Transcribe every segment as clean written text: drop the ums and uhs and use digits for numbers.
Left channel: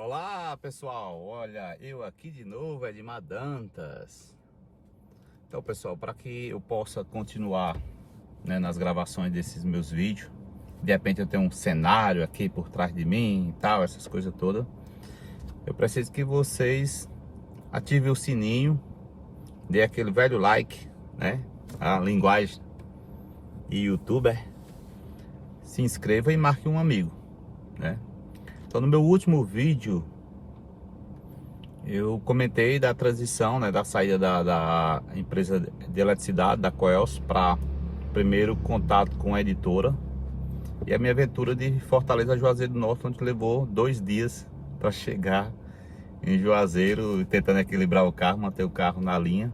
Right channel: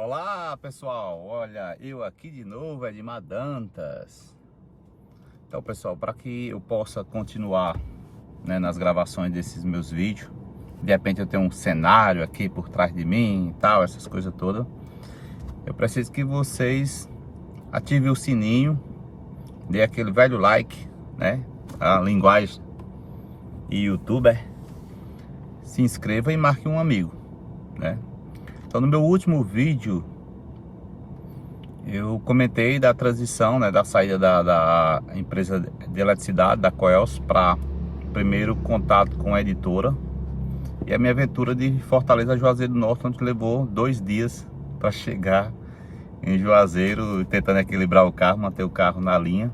Olá pessoal, olha, eu aqui de novo, Edmar Dantas. Então pessoal, para que eu possa continuar, né, nas gravações desses meus vídeos, de repente eu tenho um cenário aqui por trás de mim e tal, essas coisas todas, eu preciso que vocês ativem o sininho, dê aquele velho like, né, a linguagem e youtuber, se inscreva e marque um amigo, né. Então no meu último vídeo eu comentei da transição, né, da saída da empresa de eletricidade, da Coelce, para primeiro contato com a editora e a minha aventura de Fortaleza a Juazeiro do Norte, onde levou 2 dias para chegar em Juazeiro, tentando equilibrar o carro, manter o carro na linha.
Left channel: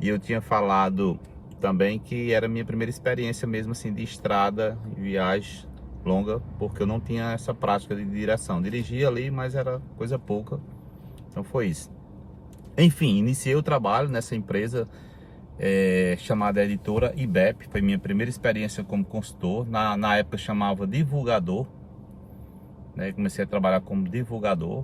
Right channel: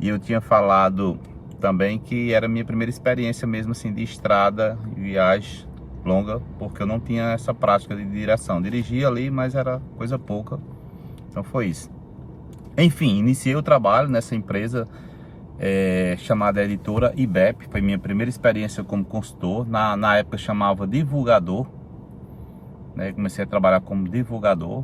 E eu tinha falado também que era a minha primeira experiência mesmo assim de estrada e viagem longa, porque eu não tinha essa prática de direção. Dirigia ali, mas era coisa pouca. Então foi isso. Enfim, iniciei o trabalho nessa empresa chamada Editora IBEP. Foi minha primeira experiência como consultor. Na época chamava divulgador, né? Comecei a trabalhar como divulgador.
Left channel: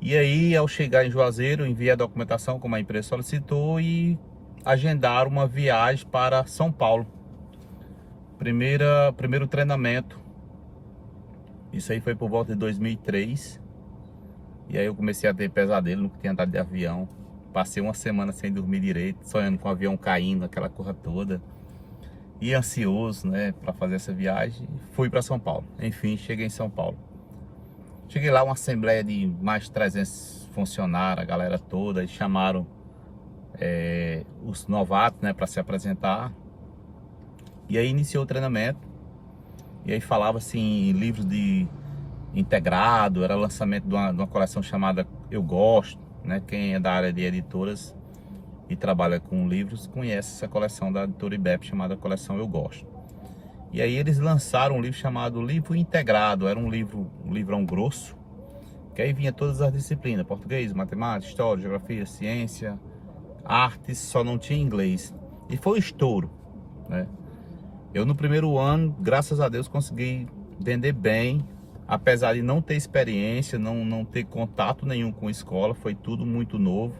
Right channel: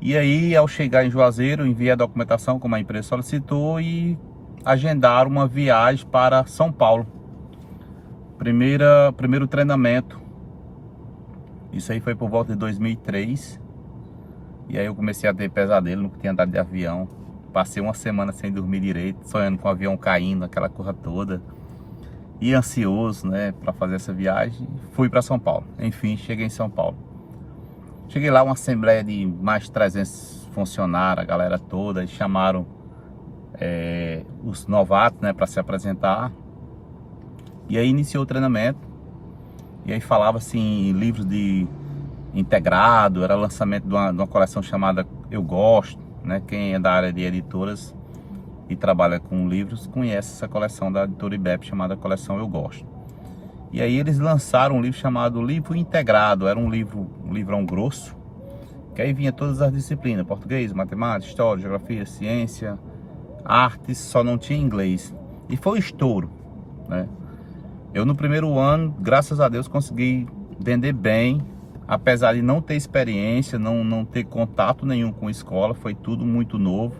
E aí, ao chegar em Juazeiro, enviei a documentação como a empresa solicitou e agendaram uma viagem para São Paulo. Primeiro treinamento. Isso aí foi por volta de 2003. E aí eu comecei a ter pesadelo, nunca tinha andado de avião. Passei uma semana sem dormir direito, sonhando com o avião caindo, aquela coisa toda. E ansioso, né, para fazer essa viagem. Fui para São Paulo. Enfim, cheguei em São Paulo. Cheguei lá, uma assembleia de mais de 300 funcionários, a galera toda. Eles chamaram os novatos, né, para se apresentar. E aí iniciou o treinamento. E aí falava assim, livros de integrado, era lançamento de uma coleção chamada Eu Gosto, né? Quem é da área de editoras e trabalha com livros conhece essa coleção da editora IBEP chamada Coleção Eu Gosto. E aí eles lançaram um livro chamado Livro Integrado. Era um livrão grosso, que aí vinha todas as disciplinas: português, matemática, história, geografia, ciência, artes, só não tinha inglês. E foi um estouro, né? Eu no primeiro ano, graças a Deus, consegui vender bem, apesar de não ter experiência, não ter contato nenhum com escola, foi tudo muito novo.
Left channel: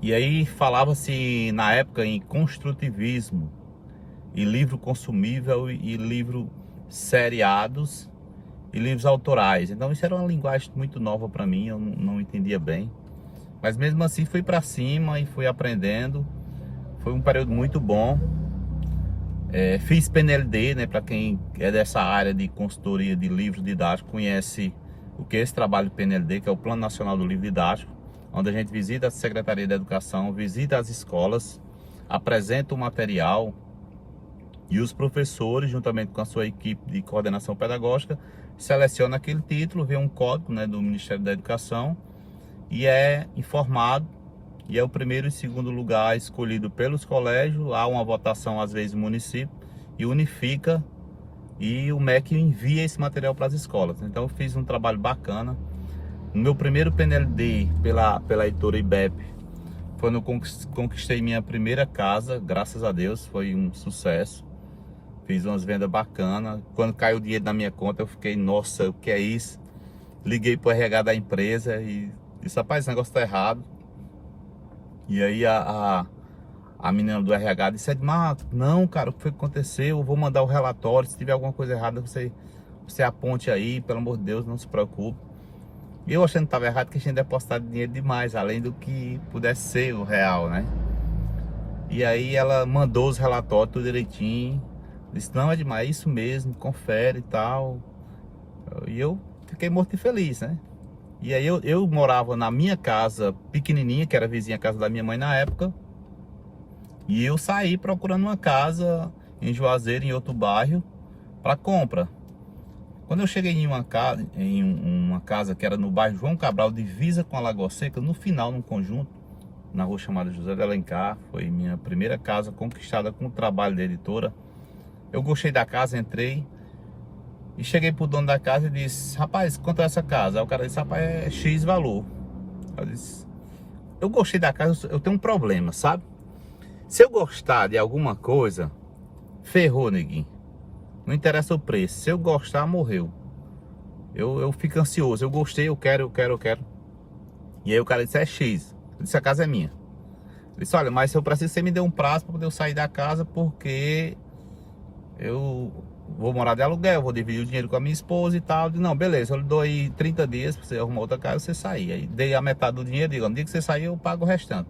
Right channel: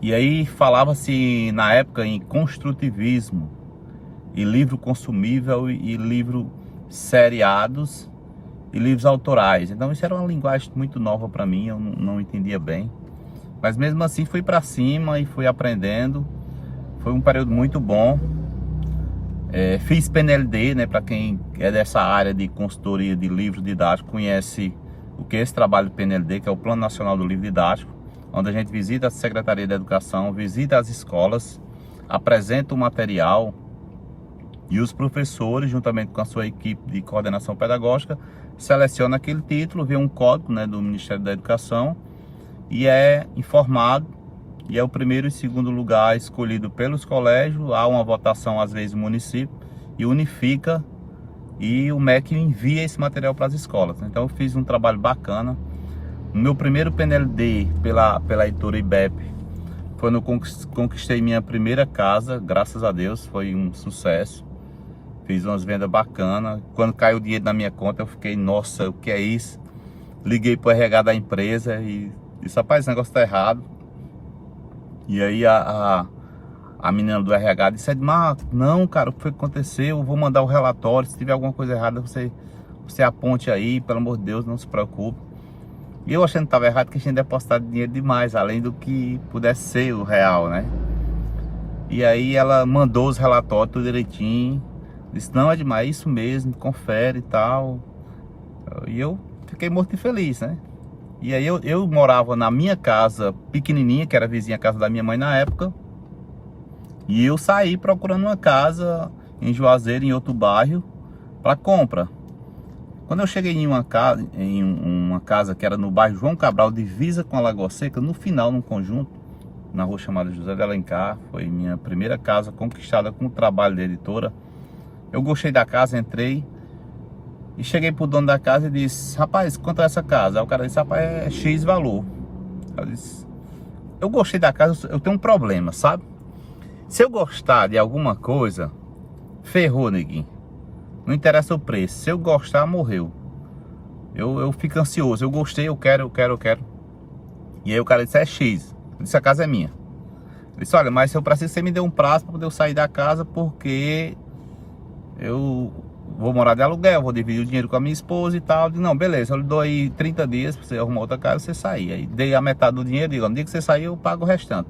E aí falava-se na época em construtivismo, e livro consumível, e livro seriados, e livros autorais. Então isso era uma linguagem muito nova para mim, eu não entendia bem. Mas mesmo assim fui para cima e fui aprendendo. Foi um período muito bom. Fiz PNLD, né? Para quem é dessa área de consultoria de livro didático, conhece o que é esse trabalho do PNLD, que é o Plano Nacional do Livro Didático, onde a gente visita a Secretaria da Educação, visita as escolas, apresenta o material e os professores, juntamente com a sua equipe de coordenação pedagógica, seleciona aquele título, vê um código, né, do Ministério da Educação e é informado. E é o primeiro e segundo lugar escolhido pelos colégios. Há uma votação, às vezes, no município, e unifica, e o MEC envia esse material para as escolas. Então eu fiz um trabalho bacana. No meu primeiro PNLD pela editora IBEP, foi quando eu conquistei minha primeira casa, graças a Deus, foi um sucesso. Fiz umas vendas bacanas. Quando caiu o dinheiro na minha conta, eu fiquei, nossa, o que é isso? Liguei para o RH da empresa e disse, rapaz, esse negócio tá errado. E aí a menina do RH disse, Edmar, não, cara, o que foi que aconteceu? Eu vou mandar o relatório, se tiver alguma coisa errada, você aponte aí, pelo amor de Deus, não se preocupe. E eu achando que estava errado, que a gente depositado dinheiro demais, além do que pudesse ser o real, né? E aí ela mandou os relatórios tudo direitinho, disse, não, Edmar, é isso mesmo, confere e tal. E eu fiquei morto e feliz, né? E aí eu morava na minha casa pequenininha, que era vizinha à casa da minha mãe na época. E eu saí procurando uma casa em Juazeiro, em outro bairro, para compra. Quando eu cheguei em uma casa que era no bairro João Cabral, divisa com a Lagoa Seca, no final, num conjunto, na rua chamada José de Alencar. Foi minha primeira casa conquistada com o trabalho da editora. Eu gostei da casa, entrei. E cheguei pro dono da casa e disse, rapaz, quanto é essa casa? Aí o cara disse, rapaz, é X valor. Eu disse, eu gostei da casa, eu tenho um problema, sabe? Se eu gostar de alguma coisa, ferrou, neguinho. Não interessa o preço, se eu gostar, morreu. eu fico ansioso, eu gostei, eu quero. E aí o cara disse, é X. Eu disse, a casa é minha. Ele disse, olha, mas eu preciso que você me dê um prazo para poder eu sair da casa, porque eu vou morar de aluguel, vou dividir o dinheiro com a minha esposa e tal. Eu disse, não, beleza, eu lhe dou aí 30 dias para você arrumar outra casa e você sair. Aí dei a metade do dinheiro, digo, no dia que você sair eu pago o restante.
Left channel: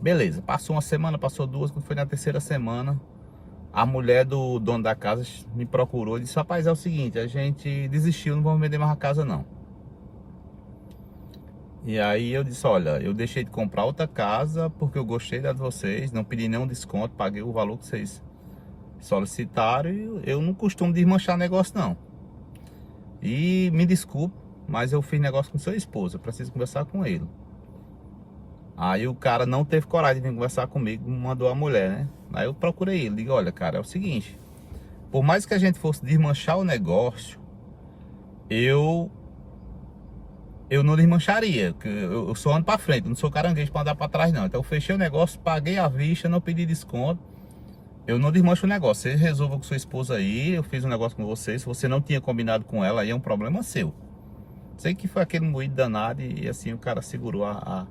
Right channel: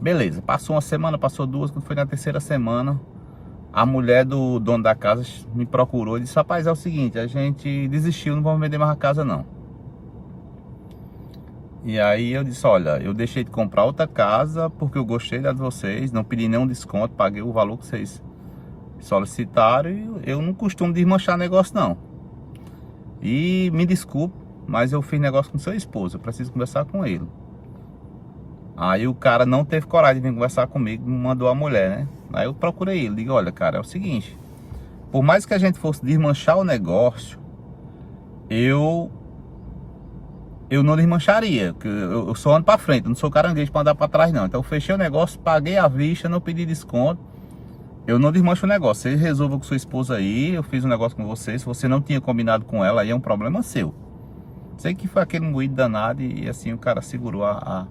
Beleza, passou uma semana, passou duas, quando foi na terceira semana, a mulher do dono da casa me procurou e disse, rapaz, é o seguinte, a gente desistiu, não vamos vender mais a casa não. E aí eu disse, olha, eu deixei de comprar outra casa porque eu gostei da de vocês, não pedi nenhum desconto, paguei o valor que vocês solicitaram e eu não costumo desmanchar negócio não. E me desculpe, mas eu fiz negócio com seu esposo, eu preciso conversar com ele. Aí o cara não teve coragem de vir conversar comigo, mandou a mulher, né? Aí eu procurei ele, digo, olha cara, é o seguinte, por mais que a gente fosse desmanchar o negócio, eu não desmancharia, porque eu só ando pra frente, eu não sou caranguejo pra andar pra trás não. Então eu fechei o negócio, paguei à vista, não pedi desconto. Eu não desmancho o negócio, você resolva com sua esposa aí, eu fiz um negócio com você, se você não tinha combinado com ela, aí é um problema seu. Sei que foi aquele moído danado e assim o cara segurou a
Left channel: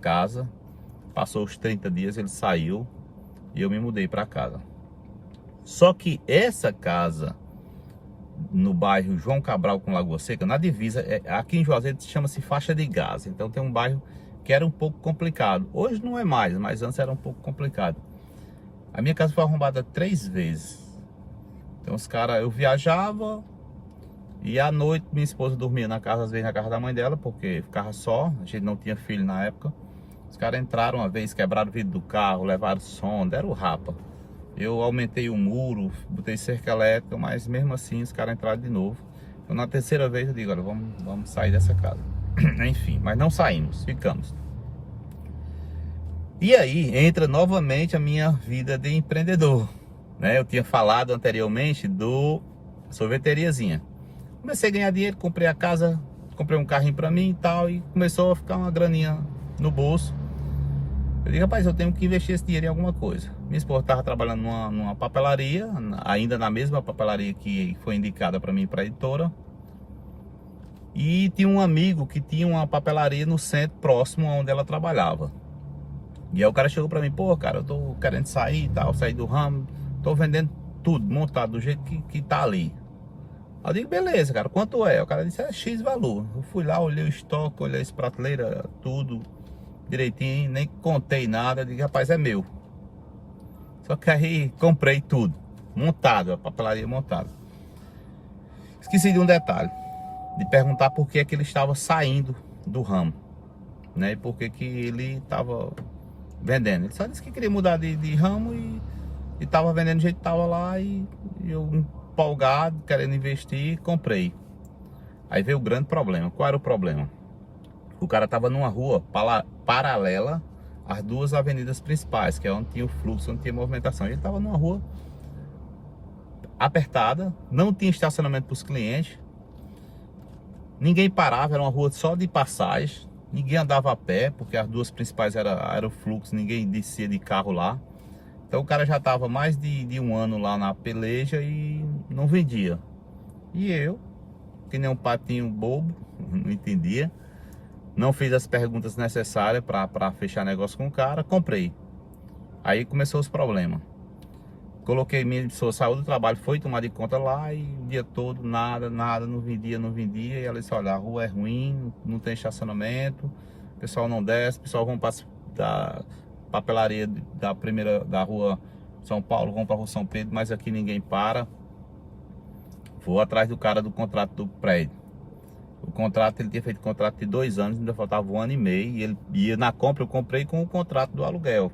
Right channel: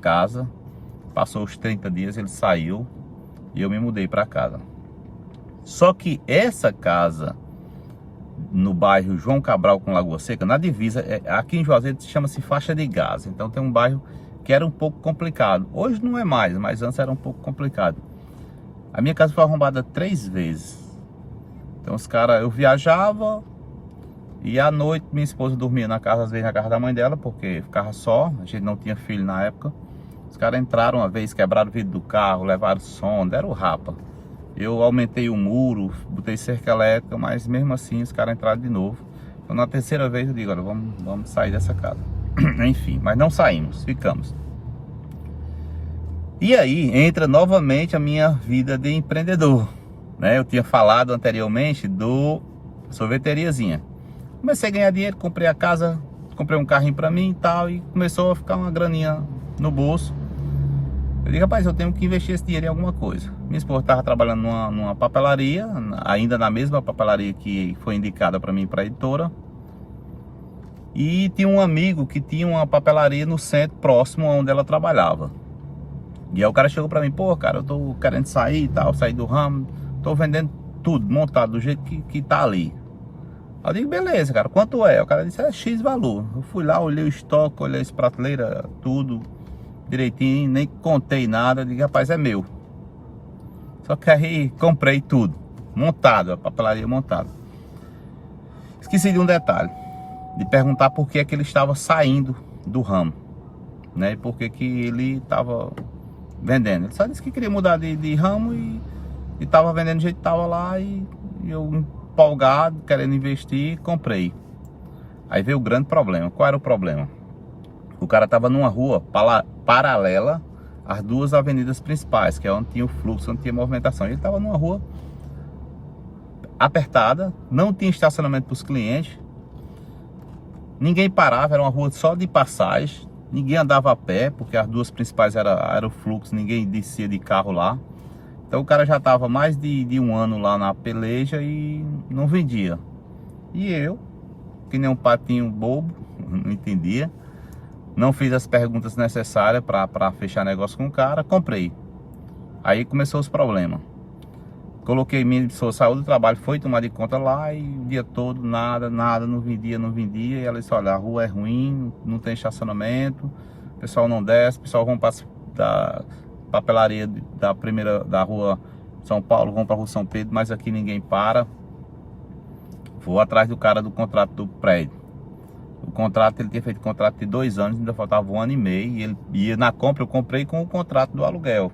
casa, passou os 30 dias, ele saiu e eu me mudei pra casa. Só que essa casa no bairro João Cabral com Lagoa Seca, na divisa, aqui em Juazeiro chama-se Faixa de Gaza. Então tem um bairro que era um pouco complicado. Hoje não é mais, mas antes era um pouco complicado. A minha casa foi arrombada 3 vezes. Então os caras, eu viajava e à noite minha esposa dormia na casa, às vezes na casa da mãe dela, porque ficava só, a gente não tinha filho na época. Os caras entraram uma vez, quebraram o vidro do carro, levaram som, deram o rapa. Eu aumentei o muro, botei cerca elétrica, mas mesmo assim os caras entraram de novo. Então na terceira vez eu digo, olha, vamos sair dessa casa. Enfim, mas não saímos, ficamos. E aí entra novamente a minha vida de empreendedor, né? Eu tinha falado anteriormente do sorveteriazinha. Comecei a ganhar dinheiro, comprei a casa, comprei um carrinho pra mim e tal, e começou a ficar uma graninha no bolso. Eu digo, rapaz, eu tenho que investir esse dinheiro em alguma coisa. Minha esposa estava trabalhando numa papelaria, ainda na mesma papelaria que foi indicada para mim, para a editora. E tinha um amigo que tinha uma papelaria no centro, próximo onde ela trabalhava. E aí o cara chegou para mim, pô, cara, eu tô querendo sair e tal, sair do ramo, tô vendendo tudo, montado do jeito que tá ali. Aí eu digo, beleza, cara, quanto é? O cara disse, é X valor. Eu fui lá, olhei o estoque, olhei as prateleiras, tudo direitinho, nem contei nada, digo, rapaz, é meu. Só que aí comprei tudo, montado, a papelaria montada. Esqueci de um detalhe, de perguntar por que é que ele estava saindo do ramo, né? E por que que ele estava vendendo. Ele só disse que queria mudar de ramo e estava vendendo do jeito que estava lá e eu empolgado, querendo investir, comprei. Aí veio o grande problema. Qual era o problema? O cara estava numa rua paralela às duas avenidas principais, que é onde tinha o fluxo, onde tinha movimentação. Ele estava numa rua apertada, não tinha estacionamento para os clientes, ninguém parava, era uma rua só de passagem, ninguém andava a pé, porque as duas principais era o fluxo, ninguém descia de carro lá. Então o cara já estava mais de um ano lá na peleja e não vendia. E eu, que nem um patinho bobo, não entendia, não fiz as perguntas necessárias para fechar negócio com o cara, comprei. Aí começou os problemas. Coloquei minha pessoa, saiu do trabalho, foi tomar de conta lá e o dia todo nada, não vendia. E ela disse, olha, a rua é ruim, não tem estacionamento, o pessoal não desce, o pessoal vão para da papelaria da rua São Paulo, vão para a rua São Pedro, mas aqui ninguém para. Vou atrás do cara do contrato do prédio. O contrato, ele tinha feito contrato de 2 anos, ainda faltava 1 ano e meio. E ele ia na compra, eu comprei com o contrato do aluguel.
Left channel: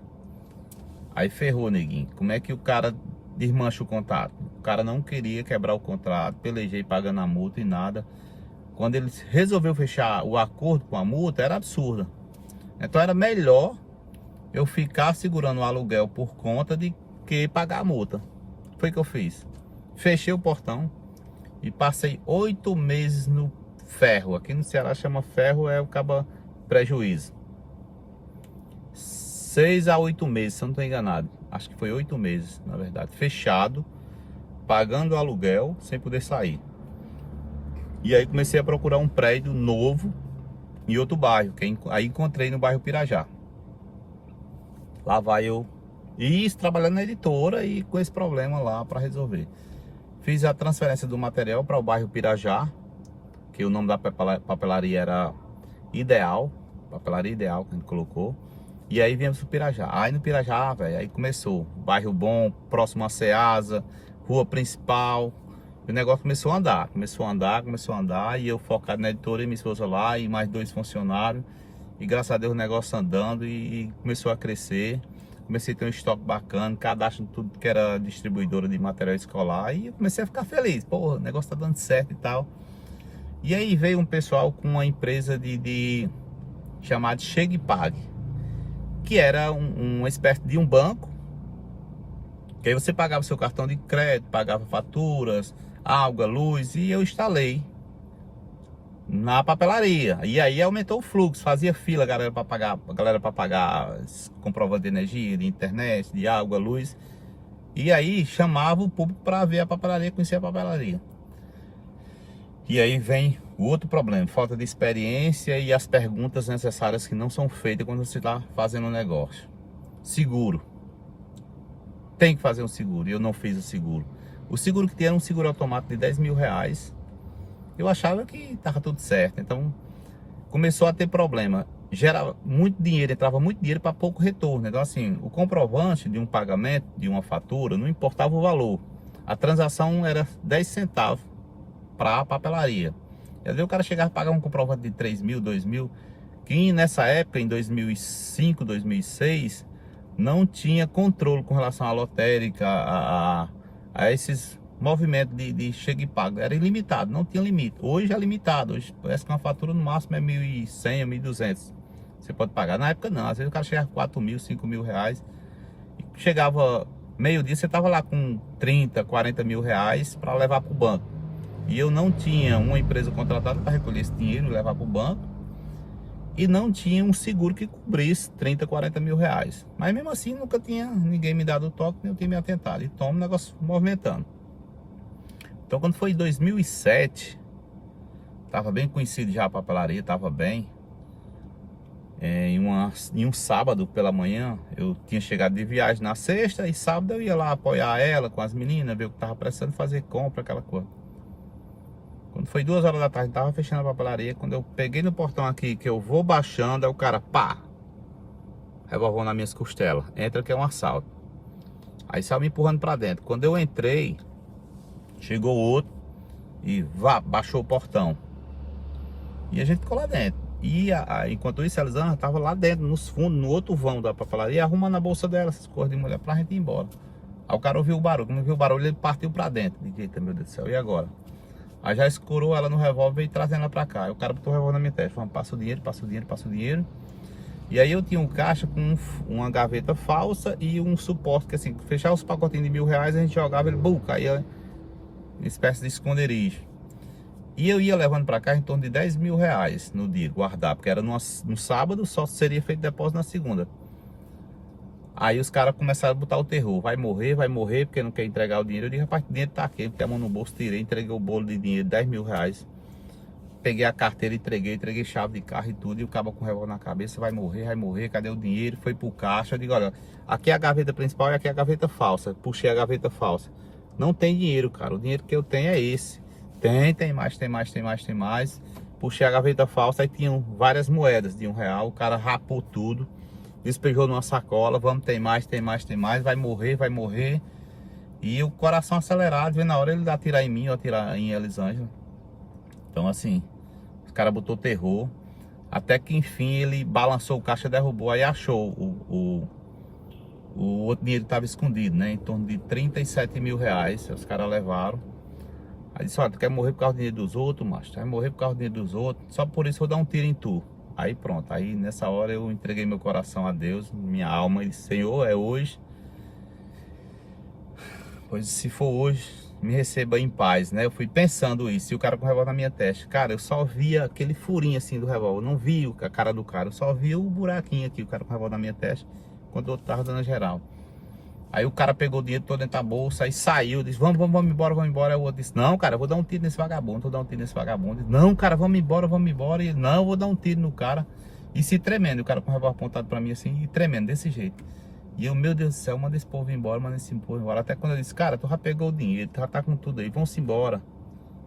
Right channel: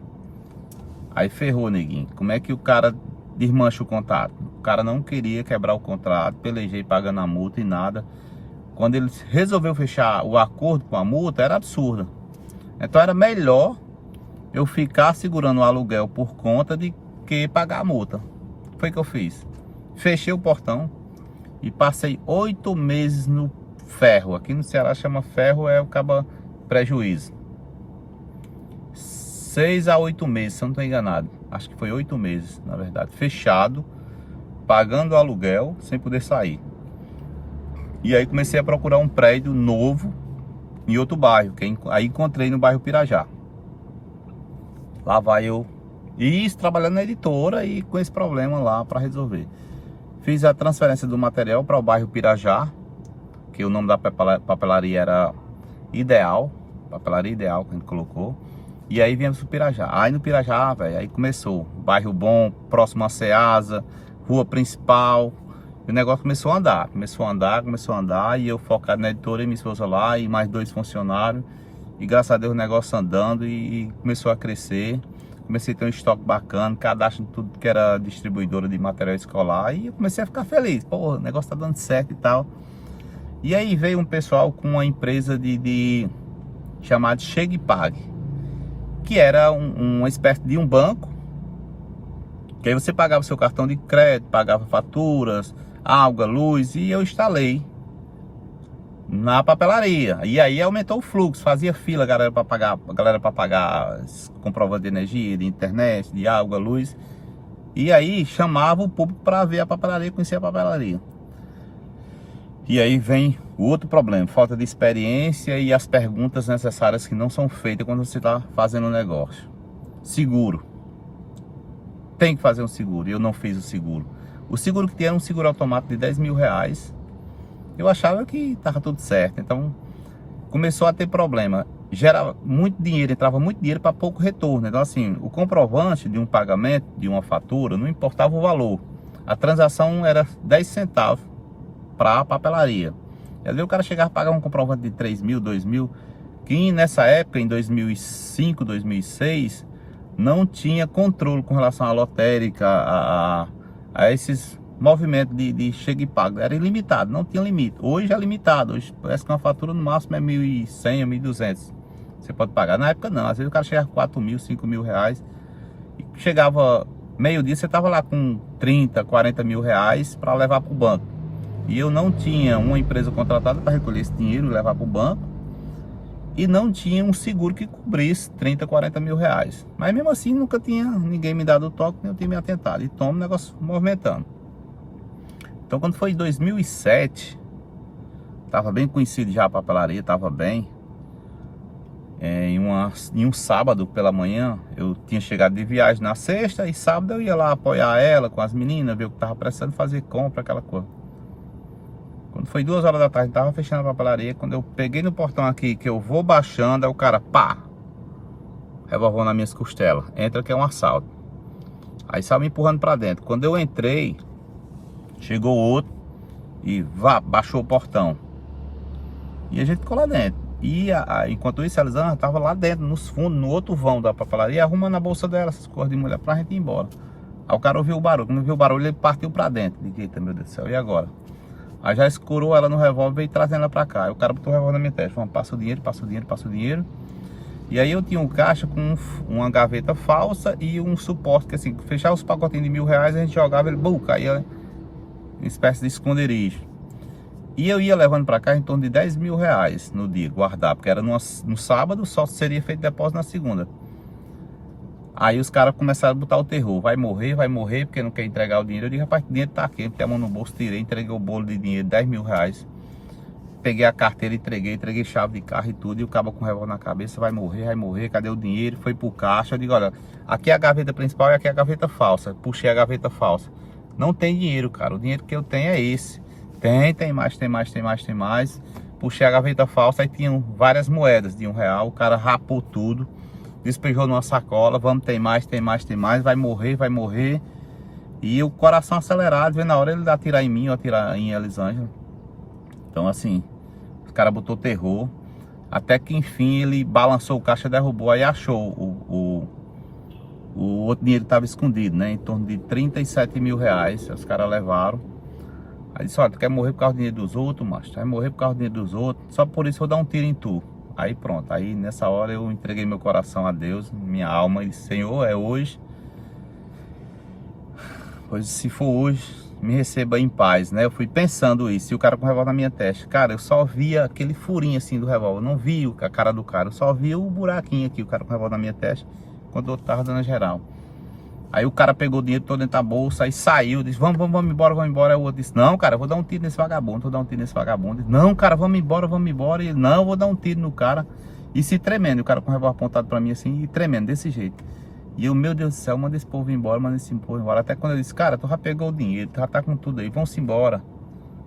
Aí ferrou, neguinho. Como é que o cara desmancha o contrato? O cara não queria quebrar o contrato, pelejei pagando a multa e nada. Quando ele resolveu fechar o acordo com a multa, era absurda. Então era melhor eu ficar segurando o aluguel por conta de que pagar a multa. Foi o que eu fiz. Fechei o portão e passei 8 meses no ferro. Aqui no Ceará chama ferro, é o cabo prejuízo. 6 a 8 meses, se eu não estou enganado. Acho que foi 8 meses, na verdade. Fechado, pagando o aluguel, sem poder sair. E aí comecei a procurar um prédio novo em outro bairro, aí encontrei no bairro Pirajá. Lá vai eu, e isso trabalhando na editora e com esse problema lá para resolver. Fiz a transferência do material para o bairro Pirajá, que o nome da papelaria era Ideal, papelaria Ideal que a gente colocou. E aí viemos pro Pirajá. Aí no Pirajá, velho, aí começou. Bairro bom, próximo a Ceasa, rua principal. E o negócio começou a andar, e eu focado na editora e minha esposa lá, e mais 2 funcionários. E graças a Deus o negócio andando e começou a crescer. Comecei a ter um estoque bacana, cadastro em tudo que era distribuidora de material escolar. E eu comecei a ficar feliz. Pô, o negócio tá dando certo e tal. E aí veio um pessoal com uma empresa chamada Chega e Pague, que era uma espécie de um banco, que aí você pagava seu cartão de crédito, pagava faturas, água, luz, e eu instalei na papelaria. E aí aumentou o fluxo, fazia fila, a galera para pagar comprovante de energia, de internet, de água, luz. E aí chamava o público para ver a papelaria, conhecer a papelaria. E aí vem o outro problema, falta de experiência e as perguntas necessárias que não são feitas quando você está fazendo um negócio. Seguro. Tem que fazer um seguro, e eu não fiz o seguro. O seguro que tinha era um seguro automático de 10 mil reais. Eu achava que estava tudo certo, então começou a ter problema. Gerava muito dinheiro, entrava muito dinheiro para pouco retorno. Então assim, o comprovante de um pagamento, de uma fatura, não importava o valor. A transação era 10 centavos para a papelaria. E às vezes o cara chegava a pagar um comprovante de 3 mil, 2 mil, que nessa época, em 2005, 2006, não tinha controle com relação à lotérica, a esses movimentos de chega e paga. Era ilimitado, não tinha limite. Hoje é limitado, hoje parece que uma fatura no máximo é 1.100 ou 1.200. Você pode pagar. Na época não, às vezes o cara chegava com 4 mil, 5 mil reais. E chegava meio-dia, você estava lá com 30, 40 mil reais para levar para o banco. E eu não tinha uma empresa contratada para recolher esse dinheiro e levar para o banco. E não tinha um seguro que cobrisse 30, 40 mil reais. Mas mesmo assim nunca tinha ninguém me dado o toque, nem eu tinha me atentado. E tomo o negócio movimentando. Então quando foi em 2007, estava bem conhecido já a papelaria, estava bem. Em um sábado pela manhã, eu tinha chegado de viagem na sexta, e sábado eu ia lá apoiar ela com as meninas, ver o que estava precisando, fazer compra, aquela coisa. Quando foi 2 horas da tarde, tava fechando a papelaria. Quando eu peguei no portão aqui, que eu vou baixando, aí o cara, pá, revolveu nas minhas costelas. Entra que é um assalto. Aí saiu me empurrando pra dentro. Quando eu entrei, chegou outro e baixou o portão. E a gente ficou lá dentro. E enquanto isso, a Elisângela tava lá dentro, nos fundos, no outro vão da papelaria, arrumando a bolsa dela, essas coisas de mulher, pra gente ir embora. Aí o cara ouviu o barulho. Quando ouviu o barulho, ele partiu pra dentro. Diga, eita, meu Deus do céu, e agora? Aí já escurou ela no revólver e trazendo ela pra cá. Aí o cara botou o revólver na minha testa. Falando, passa o dinheiro, passa o dinheiro, passa o dinheiro. E aí eu tinha um caixa com uma gaveta falsa e um suporte que assim, fechava os pacotinhos de 1.000 reais, a gente jogava, ele caía em espécie de esconderijo. E eu ia levando pra cá em torno de 10 mil reais no dia, guardar, porque era no sábado, só seria feito depósito na segunda. Aí os caras começaram a botar o terror, vai morrer, porque não quer entregar o dinheiro. Eu disse, rapaz, o dinheiro tá aqui, eu botei a mão no bolso, tirei, entreguei o bolo de dinheiro, 10 mil reais. Peguei a carteira, entreguei chave de carro e tudo, e o cara com o revólver na cabeça, vai morrer, cadê o dinheiro? Foi pro caixa, eu digo, olha, aqui é a gaveta principal e aqui é a gaveta falsa. Puxei a gaveta falsa. Não tem dinheiro, cara, o dinheiro que eu tenho é esse. Tem mais. Puxei a gaveta falsa, aí tinham várias moedas de R$1, o cara rapou tudo. Despejou numa sacola, vamos, tem mais, vai morrer. E o coração acelerado, vendo na hora ele atirar em mim ou atirar em Elisângela. Então assim, os caras botou terror. Até que enfim ele balançou o caixa, derrubou, aí achou o outro dinheiro que estava escondido, né? Em torno de 37 mil reais, os caras levaram. Aí disse, olha, tu quer morrer por causa do dinheiro dos outros, macho? Tu vai morrer por causa do dinheiro dos outros, só por isso eu vou dar um tiro em tu. Aí pronto, aí nessa hora eu entreguei meu coração a Deus, minha alma, e disse, Senhor, é hoje. Pois se for hoje, me receba em paz, né? Eu fui pensando isso, e o cara com o revólver na minha testa. Cara, eu só via aquele furinho assim do revólver, eu não vi a cara do cara, eu só via o buraquinho aqui, o cara com o revólver na minha testa, quando o outro tava dando a geral. Aí o cara pegou o dinheiro todo dentro da bolsa e saiu, disse, vamos embora, vamos embora. Aí o outro disse, não, cara, eu vou dar um tiro nesse vagabundo, vou dar um tiro nesse vagabundo. Disse, não, cara, vamos embora, vamos embora. E ele, não, eu vou dar um tiro no cara. E se tremendo, o cara com o revólver apontado pra mim assim, e tremendo, desse jeito. E eu, meu Deus do céu, manda esse povo embora, manda esse povo embora. Até quando ele disse, cara, tu já pegou o dinheiro, tu já tá com tudo aí, vamos embora.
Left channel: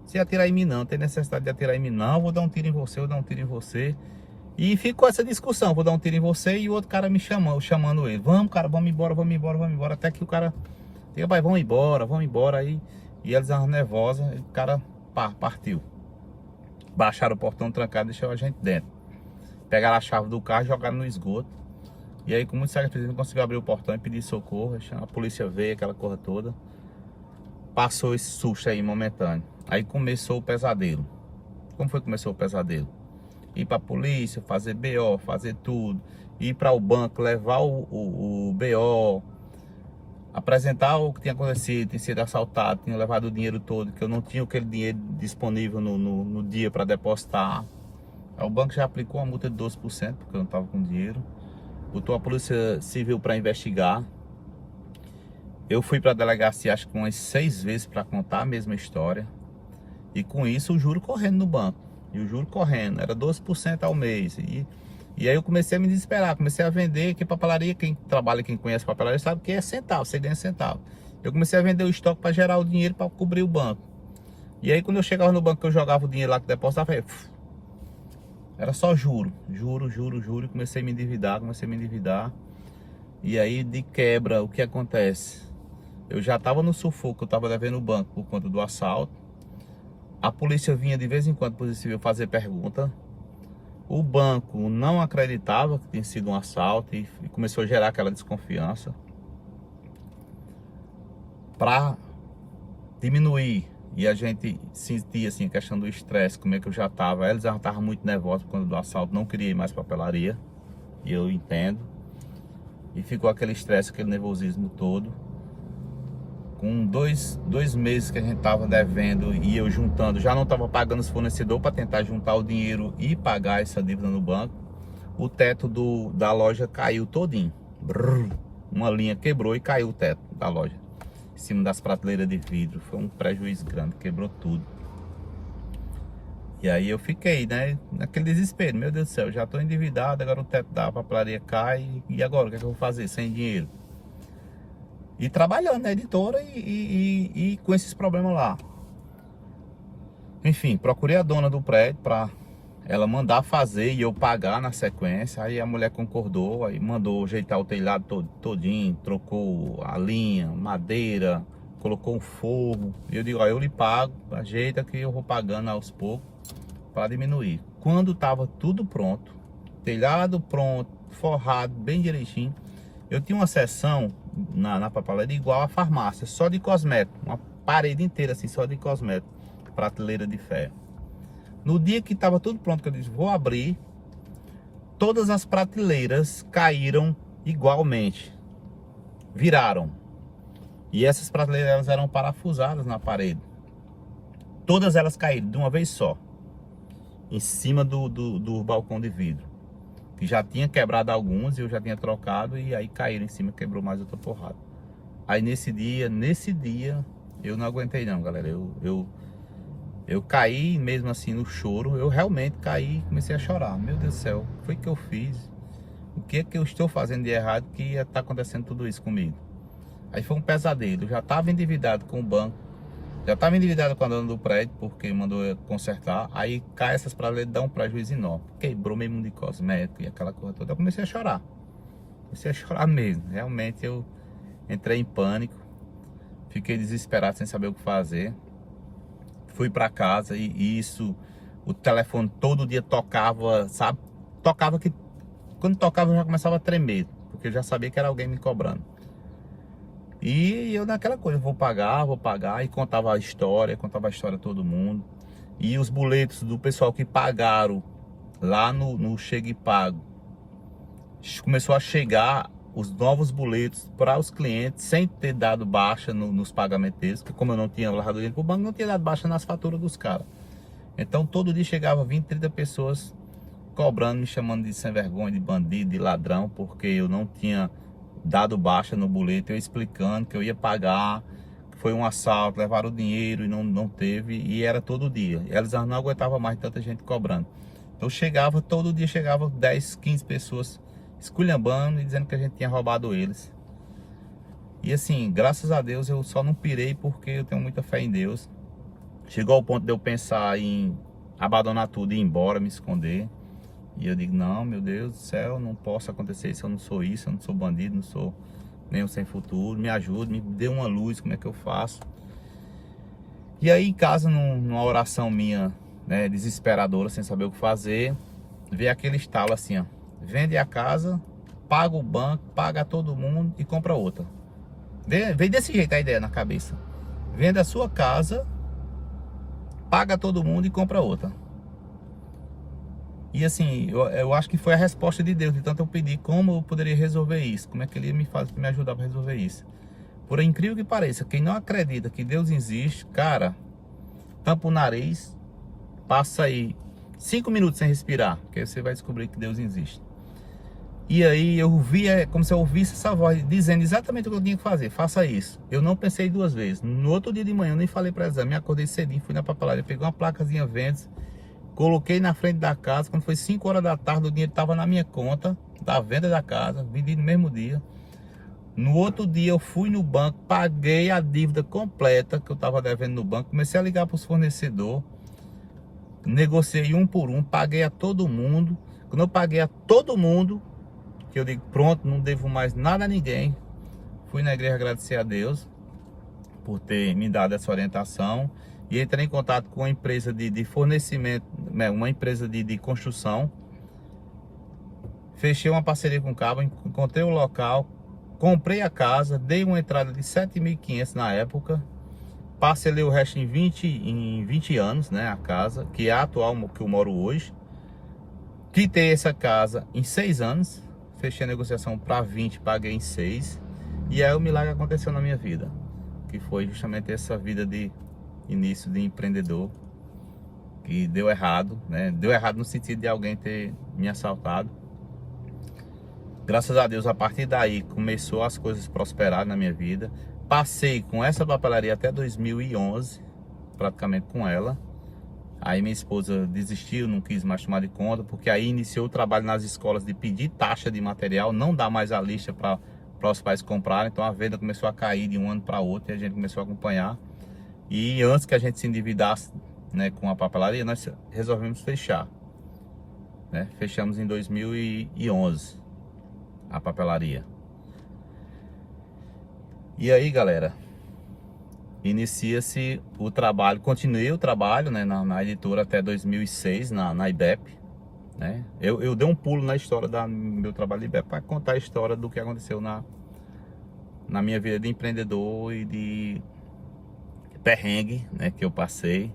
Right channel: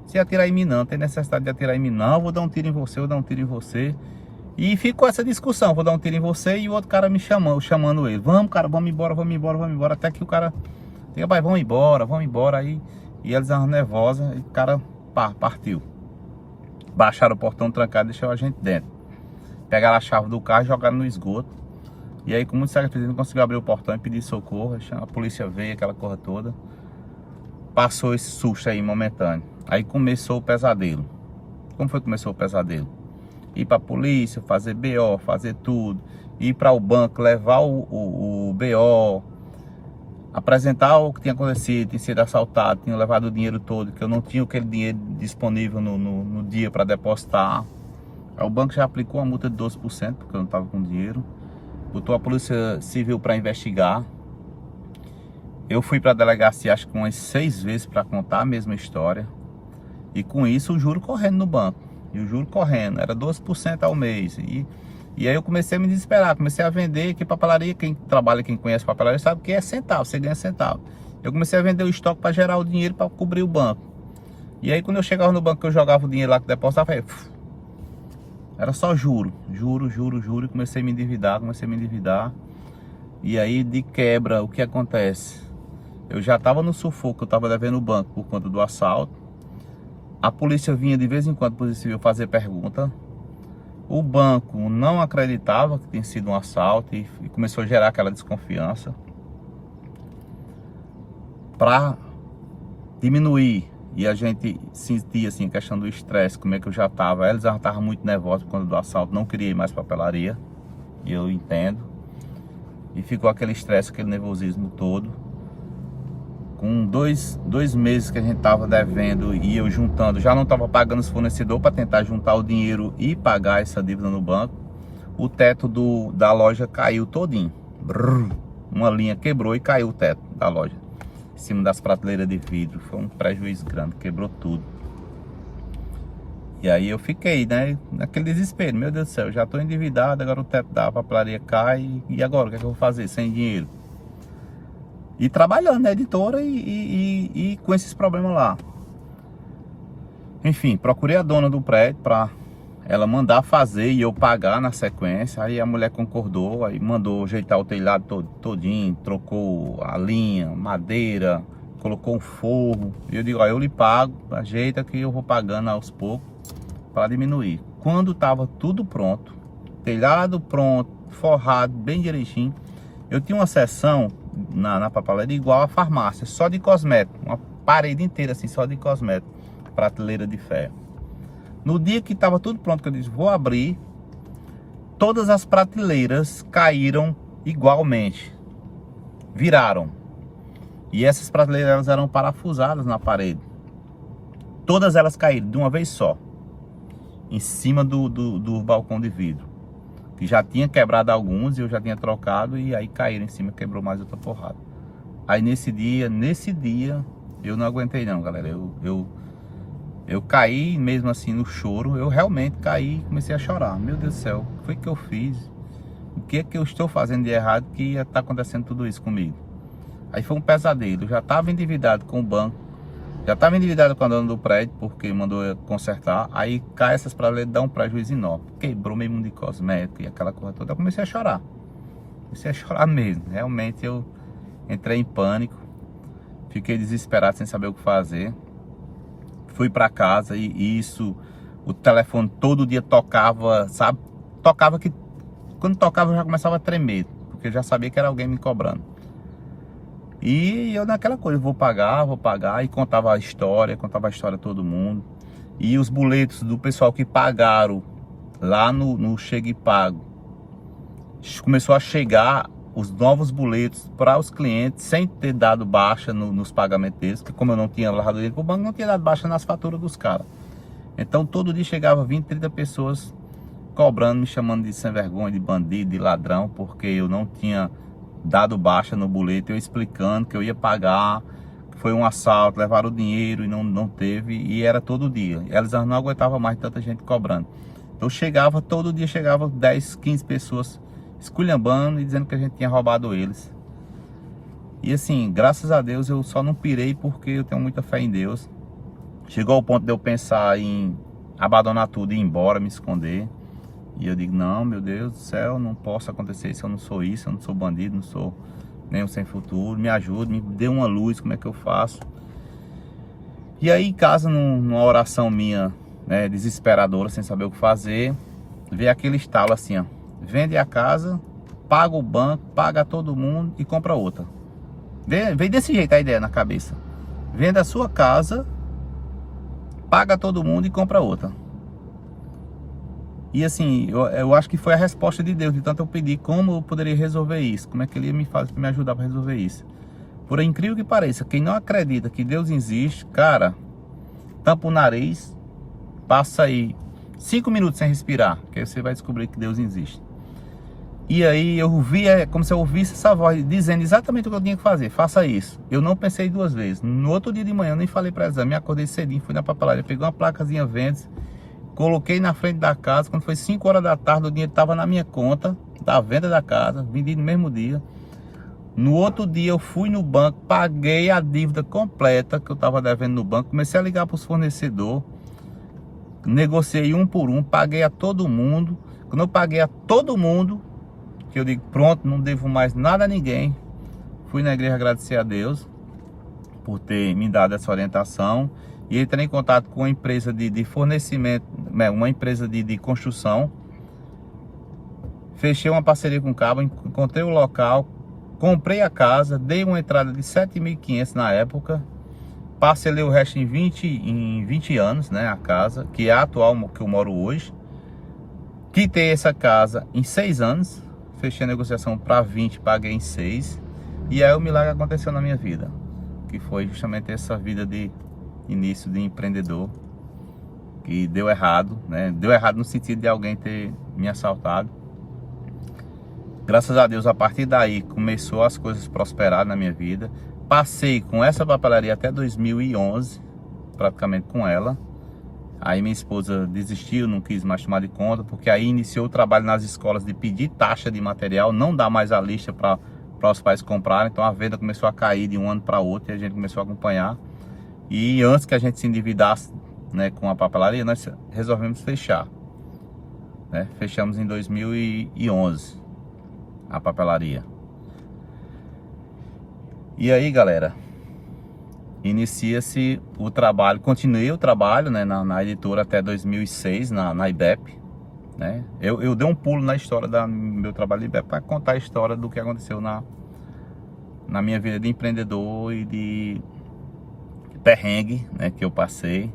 Se atirar em mim não, tem necessidade de atirar em mim não, eu vou dar um tiro em você, eu vou dar um tiro em você. E ficou essa discussão, vou dar um tiro em você e o outro cara me chamando ele. Vamos, cara, vamos embora, vamos embora, vamos embora. Até que o cara, vai, vamos embora. Aí, e eles eram nervosos, e o cara, pá, partiu. Baixaram o portão trancado e deixaram a gente dentro. Pegaram a chave do carro e jogaram no esgoto. E aí, com muito sacrifício, não conseguiu abrir o portão e pedir socorro. A polícia veio, aquela coisa toda. Passou esse susto aí momentâneo. Aí começou o pesadelo. Como foi que começou o pesadelo? Ir pra polícia, fazer BO, fazer tudo. Ir para o banco, levar o BO. Apresentar o que tinha acontecido, tinha sido assaltado, tinha levado o dinheiro todo, que eu não tinha aquele dinheiro disponível no dia para depositar. Aí o banco já aplicou uma multa de 12%, porque eu não estava com dinheiro. Botou a polícia civil para investigar. Eu fui para a delegacia acho que umas 6 vezes para contar a mesma história. E com isso o juro correndo no banco. E o juro correndo, era 12% ao mês. E aí eu comecei a me desesperar, comecei a vender, que papelaria, quem trabalha, quem conhece papelaria sabe que é centavo, você ganha centavo. Eu comecei a vender o estoque para gerar o dinheiro para cobrir o banco. E aí quando eu chegava no banco, eu jogava o dinheiro lá que depositava, era só juro, e comecei a me endividar, E aí de quebra, o que acontece? Eu já estava no sufoco, eu estava devendo o banco por conta do assalto. A polícia vinha de vez em quando, Polícia Civil, fazer pergunta. O banco não acreditava que tinha sido um assalto e começou a gerar aquela desconfiança. Para diminuir e a gente sentia assim, questão do estresse, como é que eu já estava. Eles já estavam muito nervosos quando do assalto, não queria ir mais papelaria. E eu entendo. E ficou aquele estresse, aquele nervosismo todo. Com dois meses que a gente estava devendo e eu juntando, já não estava pagando os fornecedores para tentar juntar o dinheiro e pagar essa dívida no banco. O teto da loja caiu todinho. Brrr, uma linha quebrou e caiu o teto da loja. Em cima das prateleiras de vidro. Foi um prejuízo grande, quebrou tudo. E aí eu fiquei, né, naquele desespero. Meu Deus do céu, já estou endividado, agora o teto da papelaria cai. E agora, o que é que eu vou fazer sem dinheiro? E trabalhando na editora e com esses problemas lá. Enfim, procurei a dona do prédio para ela mandar fazer e eu pagar na sequência. Aí a mulher concordou, aí mandou ajeitar o telhado todinho, trocou a linha, madeira, colocou um forro. E eu digo, ó, eu lhe pago, ajeita que eu vou pagando aos poucos para diminuir. Quando estava tudo pronto, telhado pronto, forrado, bem direitinho, eu tinha uma seção na papelaria igual a farmácia, só de cosmético, uma parede inteira assim, só de cosmético, prateleira de ferro. No dia que estava tudo pronto, que eu disse, vou abrir, todas as prateleiras caíram igualmente, viraram. E essas prateleiras elas eram parafusadas na parede. Todas elas caíram de uma vez só, em cima do balcão de vidro. Que já tinha quebrado alguns e eu já tinha trocado, e aí caíram em cima, quebrou mais outra porrada. Aí nesse dia eu não aguentei não, galera. Eu caí mesmo assim no choro. Eu realmente caí e comecei a chorar. Meu Deus do céu, o que foi que eu fiz? O que é que eu estou fazendo de errado que está acontecendo tudo isso comigo? Aí foi um pesadelo. Eu já estava endividado com o banco, já estava endividado com a dona do prédio, porque mandou eu consertar. Aí cai essas prateleiras, dá um prejuízo enorme. Quebrou mesmo de cosmético e aquela coisa toda. Eu comecei a chorar. Comecei a chorar mesmo. Realmente eu entrei em pânico. Fiquei desesperado sem saber o que fazer. Fui para casa e isso, o telefone todo dia tocava, sabe? Tocava que, quando tocava eu já começava a tremer, porque eu já sabia que era alguém me cobrando. E eu naquela coisa, vou pagar, e contava a história a todo mundo. E os boletos do pessoal que pagaram lá no Chega e Pago, começou a chegar os novos boletos para os clientes sem ter dado baixa nos pagamentos deles, porque como eu não tinha levado dinheiro para o banco, não tinha dado baixa nas faturas dos caras. Então todo dia chegava 20, 30 pessoas cobrando, me chamando de sem vergonha, de bandido, de ladrão, porque eu não tinha dado baixa no boleto, eu explicando que eu ia pagar, que foi um assalto, levaram o dinheiro e não teve, e era todo dia. Elas não aguentavam mais tanta gente cobrando. Então chegava, todo dia chegava 10, 15 pessoas esculhambando e dizendo que a gente tinha roubado eles. E assim, graças a Deus eu só não pirei porque eu tenho muita fé em Deus. Chegou ao ponto de eu pensar em abandonar tudo e ir embora, me esconder. E eu digo, não, meu Deus do céu, não posso acontecer isso, eu não sou isso, eu não sou bandido, não sou nenhum sem futuro. Me ajude, me dê uma luz, como é que eu faço? E aí em casa, numa oração minha, né, desesperadora, sem saber o que fazer, veio aquele estalo assim, ó: vende a casa, paga o banco, paga todo mundo e compra outra. Veio desse jeito a ideia na cabeça: vende a sua casa, paga todo mundo e compra outra. E assim, eu acho que foi a resposta de Deus, de tanto eu pedir como eu poderia resolver isso, como é que Ele ia me ajudar para resolver isso. Por incrível que pareça, quem não acredita que Deus existe, cara, tampa o nariz, passa aí 5 minutos sem respirar, que aí você vai descobrir que Deus existe. E aí eu vi, como se eu ouvisse essa voz dizendo exatamente o que eu tinha que fazer: faça isso. Eu não pensei duas vezes. No outro dia de manhã eu nem falei para ela, me acordei cedinho, fui na papelaria, peguei uma placazinha Vendes, coloquei na frente da casa. Quando foi 5 horas da tarde, o dinheiro estava na minha conta da venda da casa, vendi no mesmo dia. No outro dia eu fui no banco, paguei a dívida completa que eu estava devendo no banco, comecei a ligar para os fornecedores, negociei um por um, paguei a todo mundo. Quando eu paguei a todo mundo, que eu digo, pronto, não devo mais nada a ninguém, fui na igreja agradecer a Deus por ter me dado essa orientação, e entrei em contato com uma empresa de fornecimento, uma empresa de construção. Fechei uma parceria com o cabo, encontrei o local, comprei a casa, dei uma entrada de 7.500 na época, parcelei o resto em 20 anos, né, a casa, que é a atual que eu moro hoje. Quitei essa casa em 6 anos, fechei a negociação para 20, paguei em 6. E aí o milagre aconteceu na minha vida, que foi justamente essa vida de início de empreendedor, que deu errado, né? Deu errado no sentido de alguém ter me assaltado. Graças a Deus, a partir daí começou as coisas prosperar na minha vida. Passei com essa papelaria até 2011, praticamente com ela. Aí minha esposa desistiu, não quis mais tomar de conta, porque aí iniciou o trabalho nas escolas de pedir taxa de material, não dá mais a lista para os pais comprarem. Então a venda começou a cair de um ano para outro e a gente começou a acompanhar. E antes que a gente se endividasse, né, com a papelaria, nós resolvemos fechar, né? Fechamos em 2011 a papelaria. E aí, galera, inicia-se o trabalho, continuei o trabalho, né, na editora até 2006, na IBEP, né? Eu dei um pulo na história do meu trabalho de IBEP para contar a história do que aconteceu na minha vida de empreendedor e de perrengue, né, que eu passei,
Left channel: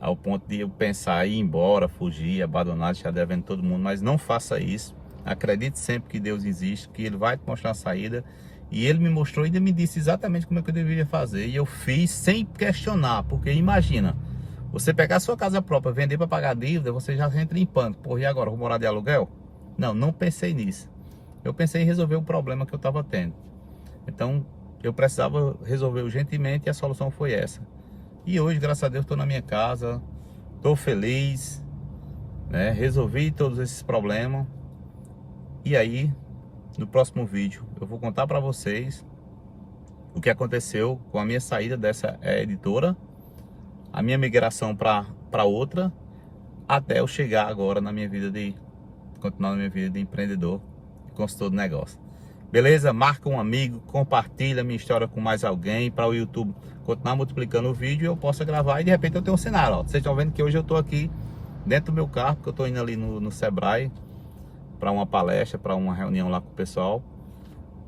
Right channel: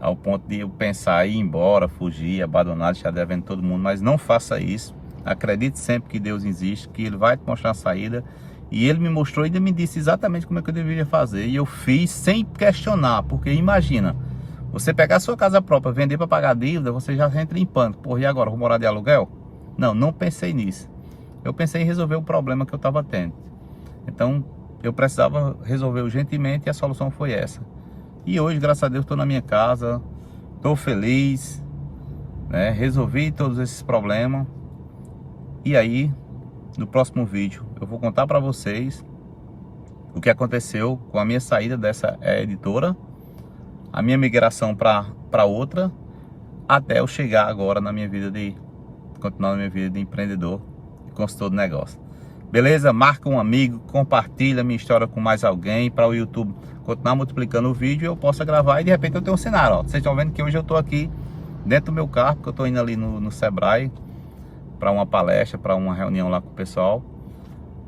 ao ponto de eu pensar em ir embora, fugir, abandonar, deixar devendo todo mundo. Mas não faça isso. Acredite sempre que Deus existe, que Ele vai te mostrar a saída. E Ele me mostrou e ainda me disse exatamente como é que eu deveria fazer. E eu fiz sem questionar, porque imagina, você pegar a sua casa própria, vender para pagar a dívida, você já entra em pânico. Porra, e agora, vou morar de aluguel? Não pensei nisso. Eu pensei em resolver o problema que eu estava tendo. Então, eu precisava resolver urgentemente e a solução foi essa. E hoje, graças a Deus, estou na minha casa, estou feliz, né? Resolvi todos esses problemas. E aí, no próximo vídeo, eu vou contar para vocês o que aconteceu com a minha saída dessa editora, a minha migração para outra, até eu chegar agora na minha vida continuar na minha vida de empreendedor e consultor de negócio. Beleza? Marca um amigo, compartilha minha história com mais alguém, para o YouTube continuar multiplicando o vídeo e eu possa gravar e de repente eu tenho um cenário, ó. Vocês estão vendo que hoje eu estou aqui dentro do meu carro, porque eu estou indo ali no Sebrae para uma palestra, para uma reunião lá com o pessoal.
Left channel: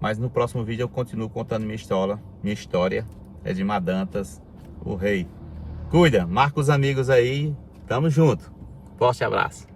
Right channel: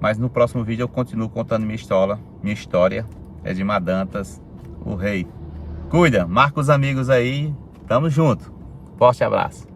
Mas no próximo vídeo eu continuo contando minha história. É de Madantas, o rei. Cuida, marca os amigos aí, tamo junto. Forte abraço.